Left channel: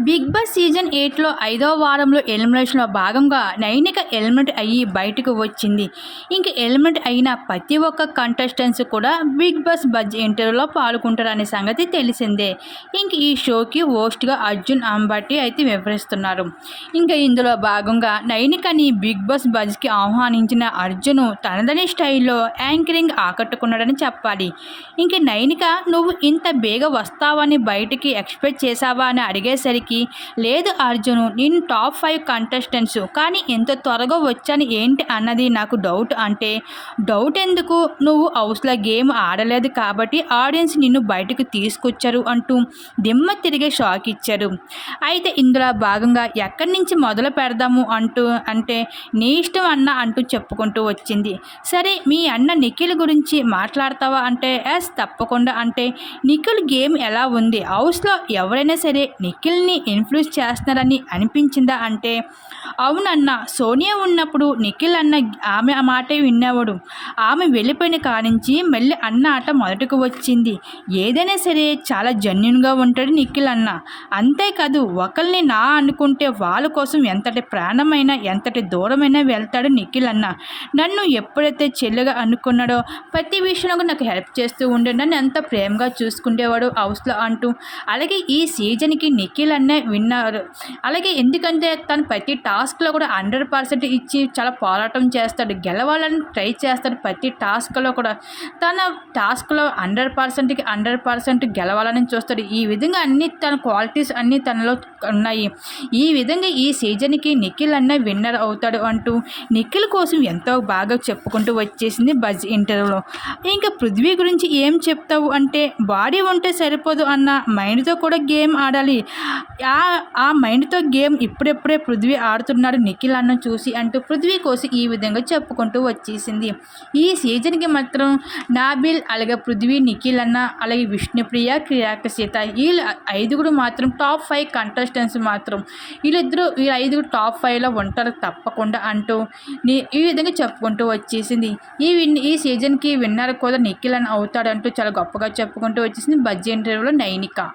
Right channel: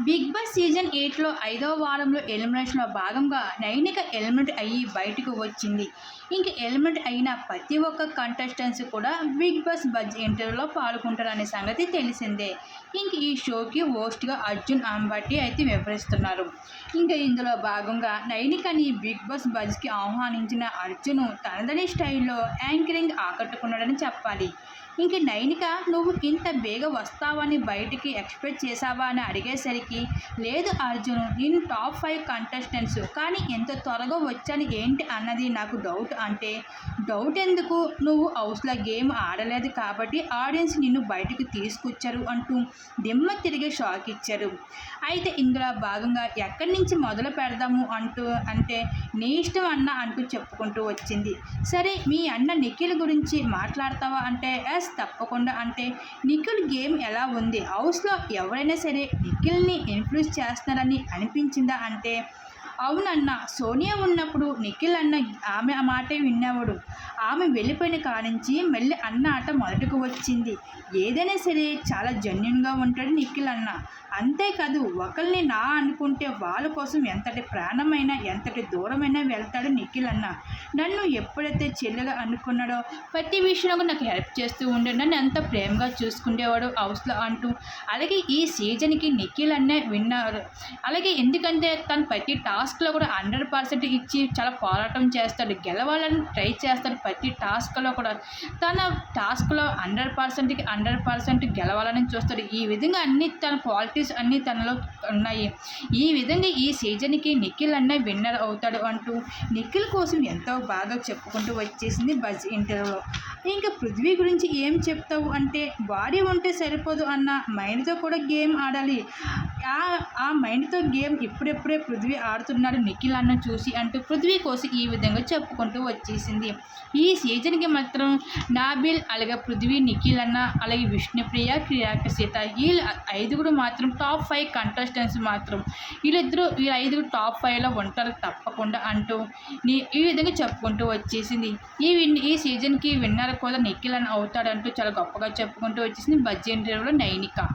Big boss season ఎయిట్లో ఐదో వారంలో ఎలిమినేషన్లో భాగంగా నైనిక ఎలిమినేట్ అయ్యి బయటకు వచ్చింది. ఇంక ఎలిమినేట్ అయిన ప్రతి ఒక్క కంటెస్టెంట్స్ కూడా బిగ్ బాస్ బజ్ ఇంటర్వ్యూలో పాల్గొంటారనే సంగతి తెలిసిందే. ఇంక ఈ షోకి హోస్ట్గా అర్జున్ అంబట్టి అయితే వివరిస్తున్నారు. ఇంకా ఇందులో భాగంగా నైనికని బిగ్ బాస్ బజ్కి ఆహ్వానించిన అర్జును తనదని స్టైల్లో యాంకరింగ్ ఆకట్టుకున్నాడని చెప్పాలి. ఇంక నైనిక నువ్వు ఇంత బేగ వస్తావని బయటికి ఎక్స్పెక్ట్ చేశావా? అని అడిగేసరికి లేదు అర్జును నేను టాప్ ఫైవ్ కంటెస్టెంట్స్. కానీ ఎంత త్వరగా వచ్చాను ఏంటి అన్నది నాకు డౌట్ అంటే డౌట్ ఎందుకు? నువ్వు హౌస్లో గేమ్ ఆడలేదు కాబట్టి ఆడియన్స్ నిన్ను బయటకు తీసుకొచ్చారు అంటూ దిమ్మ తిరిగే షాక్ ఇచ్చారు. అయితే ఇందులో భాగంగా ఎక్కడి నుంచి మొదలు పెడదాము అంటూ అంటే నీ ఇష్టం అన్న అంటూ చెప్పుకుంటూ వచ్చింది. సరే మీ అన్న నిఖిల్ గురించి మాట్లాడతావా అంటే ఎస్ తప్పకుండా అంటే నిఖిల్ గేమ్ ఎలా ఉంది? హౌస్లో ఎవరైనా సరే నిఖిల్ని ఇన్ఫ్లుయెన్స్ చేస్తున్నారని అనిపించిందా అంటే అవునన్న సోనియా ఉన్నప్పుడు నిఖిల్ అన్న ఆమె ఆ మాట విన్నవాడు. ఆమె వెళ్ళిపోయిన కానించి మళ్ళీ అన్న ఆట మొదటకు వచ్చింది. ఏదైనా సరే చాలా జన్యున్గా ఉంటాడు నిఖిల్ అన్న. అంతేకాదు ఒకరిని నా అనుకుంటే వాళ్ళ కోసం ఎంతటి ప్రాణమైనా ఎంతటి దూరమైనా వెళ్తాడు నిఖిల్ అన్న. నన్ను ఎప్పుడైతే చెల్లిగా అనుకున్నాడో ప్రతి విషయంలో నాకు హెల్ప్ చేస్తూ ఉండే నన్ను ఎంత ప్రేమగా చూసుకునేవాడు హౌస్లో అంటూ. అలాగే ఈ సీజన్కి నిఖిల్ అన్నే విన్నారు. అలాగే ఎందుకంటే తను ప్రతి టాస్క్ టాస్క్లో కూడా హండ్రెడ్ పర్సెంట్ ఇచ్చి చాలా పోరాటం చేస్తాడు. గెలవాలని ట్రై చేస్తాడు ప్రతి టాస్క్లో కూడా. తన టాస్క్లో హండ్రెడ్ పర్సెంట్కి హండ్రెడ్ పర్సెంట్ గెలవాలని చూస్తాడు. ఈ విధంగా అన్ని తన క్వాలిటీస్ అన్నీ తనలో ఉన్నాయి. ఈ విధంగా ఈ సీజన్కి నిఖిల్ అన్న విన్నర్ అవుతాడు అంటూ నిఖిల్ కోసం ఎంతో బాగా చెప్పుకుంటూ వచ్చేసింది బజ్ ఇంటర్వ్యూలో ఇంకా పృథ్వీ గురించి ఏం చెప్తావు అంటే బాడీ ఉంటే సరిపోదు అన్న మైండ్తో కూడా గేమ్ ఆడాలి. ఆ మైండ్తో గేమ్ ఇప్పుడెప్పుడే పృథ్వీ ఆడుతున్నాడు నిఖిల్ అన్న చూసి అంటూ పృథ్వీ కోసం ఈ విధంగా చెప్పుకుంటూ వచ్చేసింది. ఈ సీజన్కి మాత్రం నాబిల్ అలాగే పృథ్వీ నిఖిల్ అన్న అలాగే విష్ణుప్రియ క్రియాక సీత వీళ్ళు ఐదుగురు మాత్రం టాప్ ఫైవ్ కంటెస్టెంట్స్ మాత్రం. వీళ్ళిద్దరూ ఈ ఐదుగురు టాప్ ఫైవ్లో ఉంటారు తప్పకుండా అంటూ నీ- ఈ విధంగా చెప్పుకుంటూ వచ్చేసింది. ఈ విన్ ఈ సీజన్కి విన్నర్ కూడా నిఖిల్ అని అవుతాడంటూ చాలా గొప్పగా చెప్పుకుంటూ వచ్చేసింది బజ్జీ ఇంటర్వ్యూలో నైనిక.